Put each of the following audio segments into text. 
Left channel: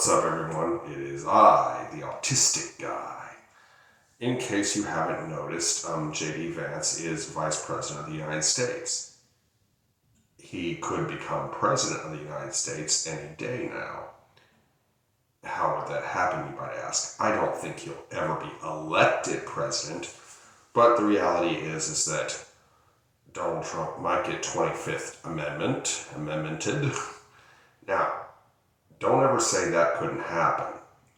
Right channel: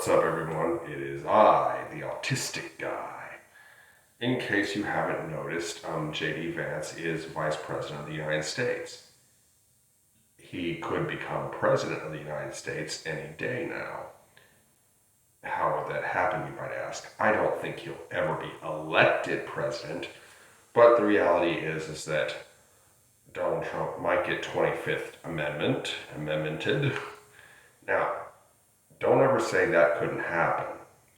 What's up, everyone? It is I, the autistic guy. In case you haven't noticed, JD Vance is Vice President of the United States. He could become President of the United States any day now. How would that happen, you might ask? I don't think he'll ever be elected president, but the reality is that Donald Trump might get 25th amendmented. Now, don't ever say that couldn't happen.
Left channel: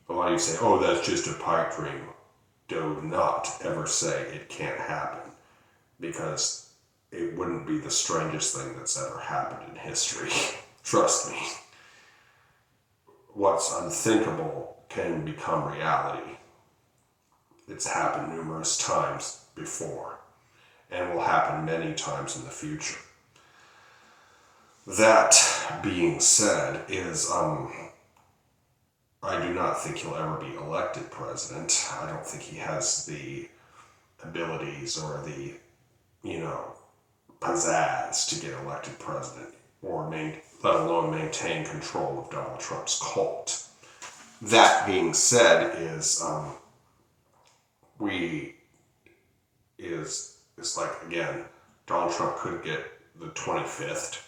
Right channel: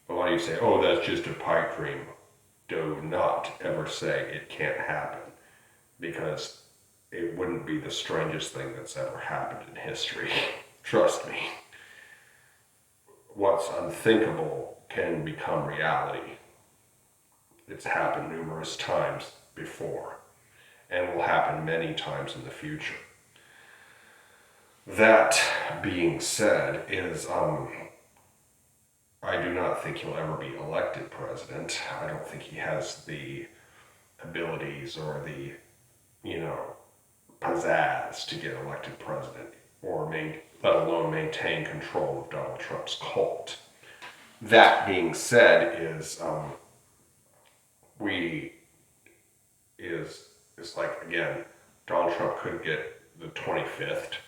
A lot of you say, oh, that's just a pipe dream. Do not ever say it can't happen, because it wouldn't be the strangest thing that's ever happened in history. Trust me. What's unthinkable can become reality. It's happened numerous times before, and will happen many times in the future. That being said, I do not think he'll ever be elected president. I don't think he has the abilities or the, pizzazz to get elected president, or let alone maintain control of Donald Trump's cult. That being said, it's like, again, Donald Trump could get the 25th.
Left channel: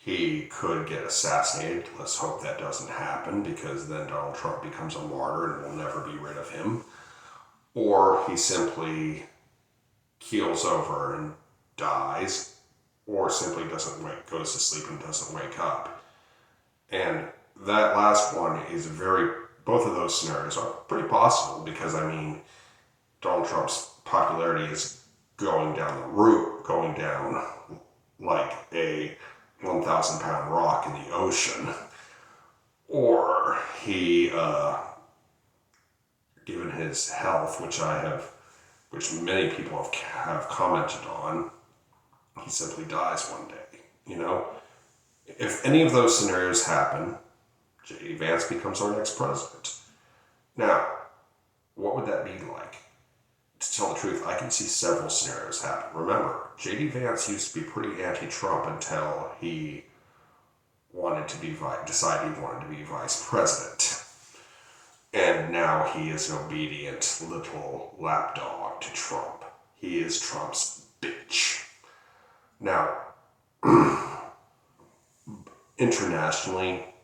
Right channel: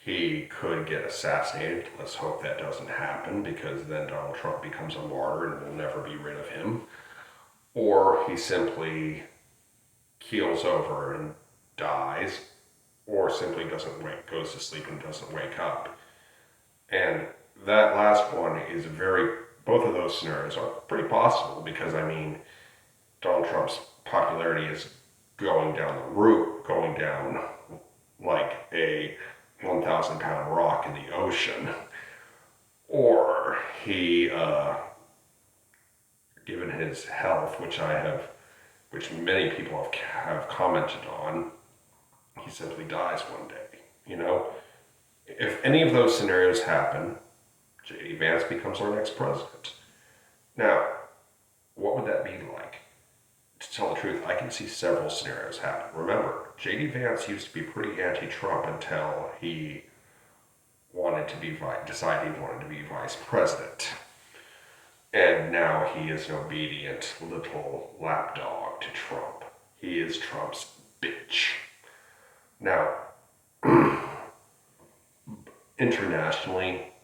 He could get assassinated. Let's hope that doesn't happen, because then Donald Trump becomes a martyr and we'll never be rid of him. Or he simply keels over and dies, or simply goes to sleep and doesn't wake up. And that last one is both of those scenarios are pretty possible, because, Donald Trump's popularity is going down like a 1,000-pound rock in the ocean. Or he, given his health, which many people have commented on, he simply dies one day. If any of those scenarios happen, JD Vance becomes our next president. Now, what would that be like? To tell the truth, I can see several scenarios happen. Remember, JD Vance used to be pretty anti-Trump until he decided he wanted to be vice president. And now he is an obedient little lapdog to Trump. He is Trump's bitch. Now, internationally,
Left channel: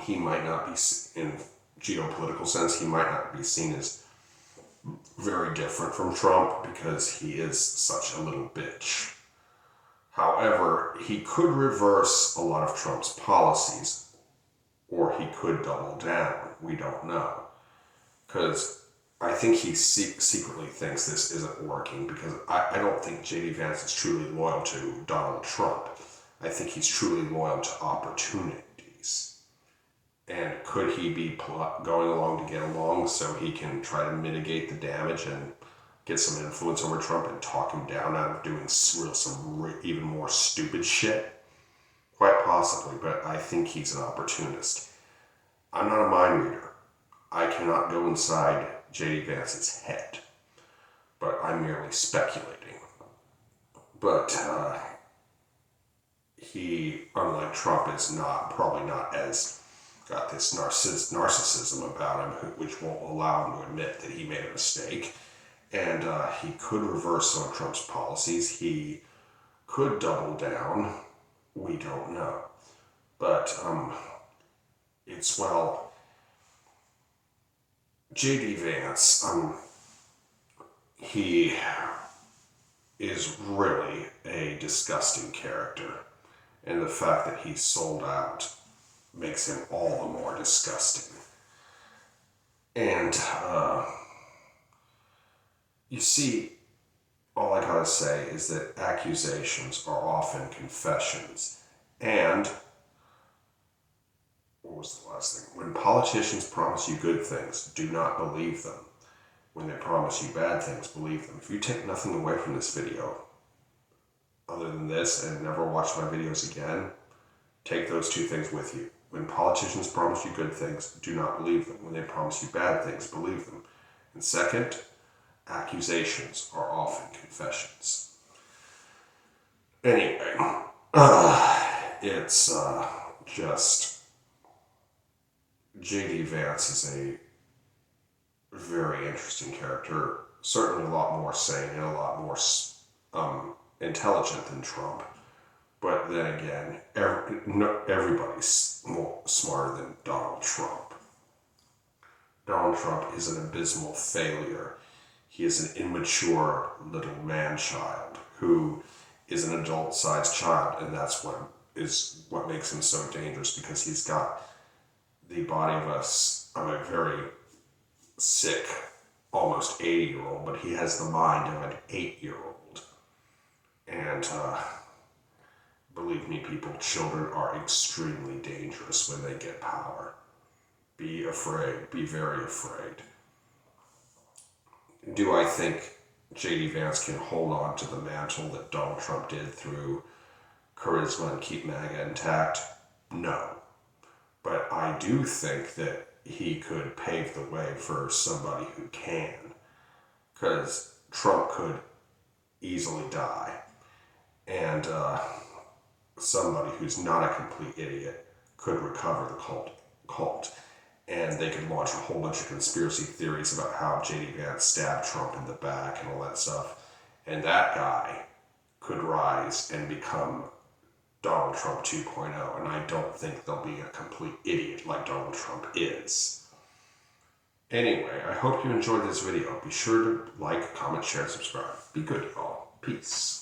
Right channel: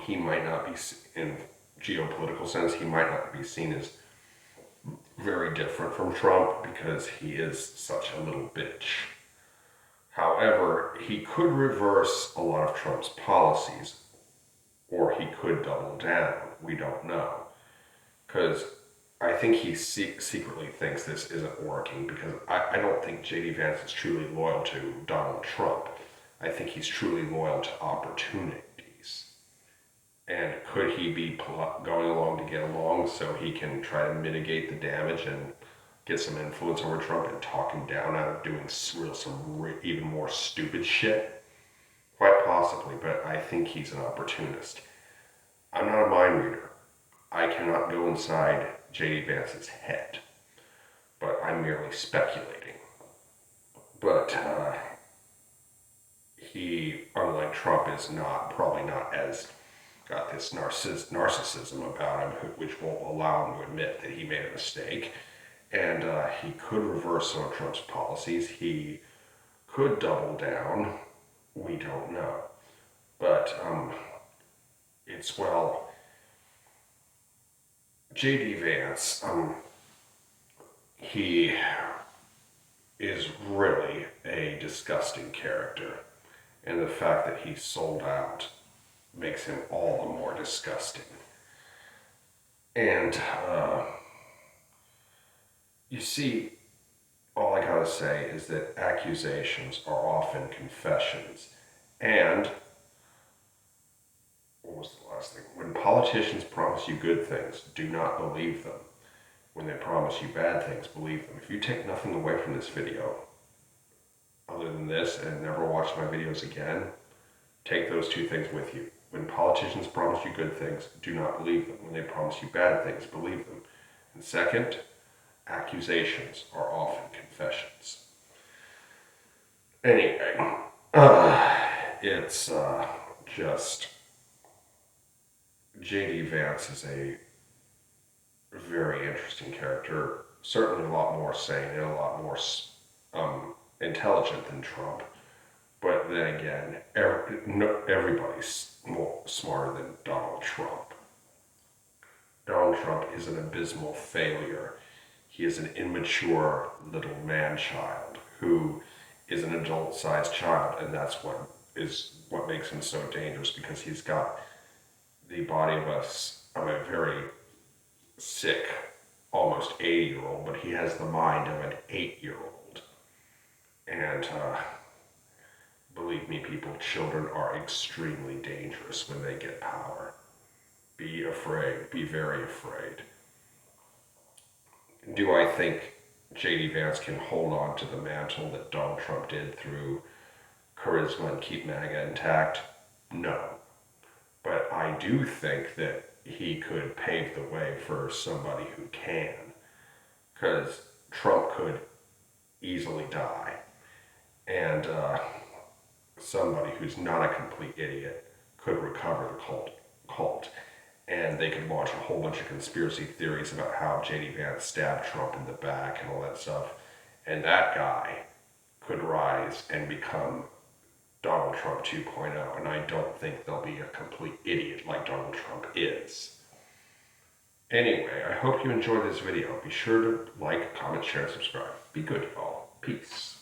he might not be, in geopolitical sense, he might not be seen as very different from Trump, because he is such a little bitch. However, he could reverse a lot of Trump's policies, or he could double down. We don't know. Because I think he secretly thinks this isn't working, because I don't think JD Vance is truly loyal to Donald Trump. I think he's truly loyal to opportunities. And could he be going along to get along so he can try to mitigate the damage and get some influence over Trump and talk him down out of doing even more stupid shit? Quite possibly, but I think he's an opportunist. I'm not a mind reader. I cannot go inside JD Vance's head, but I'm merely speculating. But he, unlike Trump, is probably not as got this narcissism about him, which won't allow him to admit that he made a mistake. And he could reverse some of Trump's policies. He could double down. We don't know. But JD Vance, he is really a disgusting character. And the fact that he sold out makes him all the more disgusting. And you see, all I gotta say is that accusations are often confessions. And what was the last thing? When politicians promise you good things, do not believe them. When they promise you bad things, believe them. If you take nothing away from this video, other than this, and never watch my videos again, take those two things with you. When politicians promise you good things, do not believe them. When they promise you bad things, believe them. And second, accusations are often confessions. Anyway, it's just JD Vance is a very interesting character, certainly a lot more sane and a lot more intelligent than Trump. But then again, everybody's more smarter than Donald Trump. Donald Trump is an abysmal failure. He is an immature little man-child who is an adult-sized child, and that's what makes him so dangerous, because he's got the body of a very sick, almost 80-year-old, but he has the mind of an 8-year-old. And believe me, people, children are extremely dangerous when they get power. Be afraid. Be very afraid. Do I think JD Vance can hold on to the mantle that Donald Trump did through charisma and keep MAGA intact? No. But I do think that he could pave the way for somebody who can. Because Trump could easily die. And somebody who's not a complete idiot could recover the cult. And they could launch a whole bunch of conspiracy theories about how JD Vance stabbed Trump in the back and all that stuff. And that guy could rise and become Donald Trump 2.0. And I don't think they'll be a complete idiot like Donald Trump is. Anyway, I hope you enjoyed this video. Be sure to like, comment, share, and subscribe. Be good, y'all. Peace.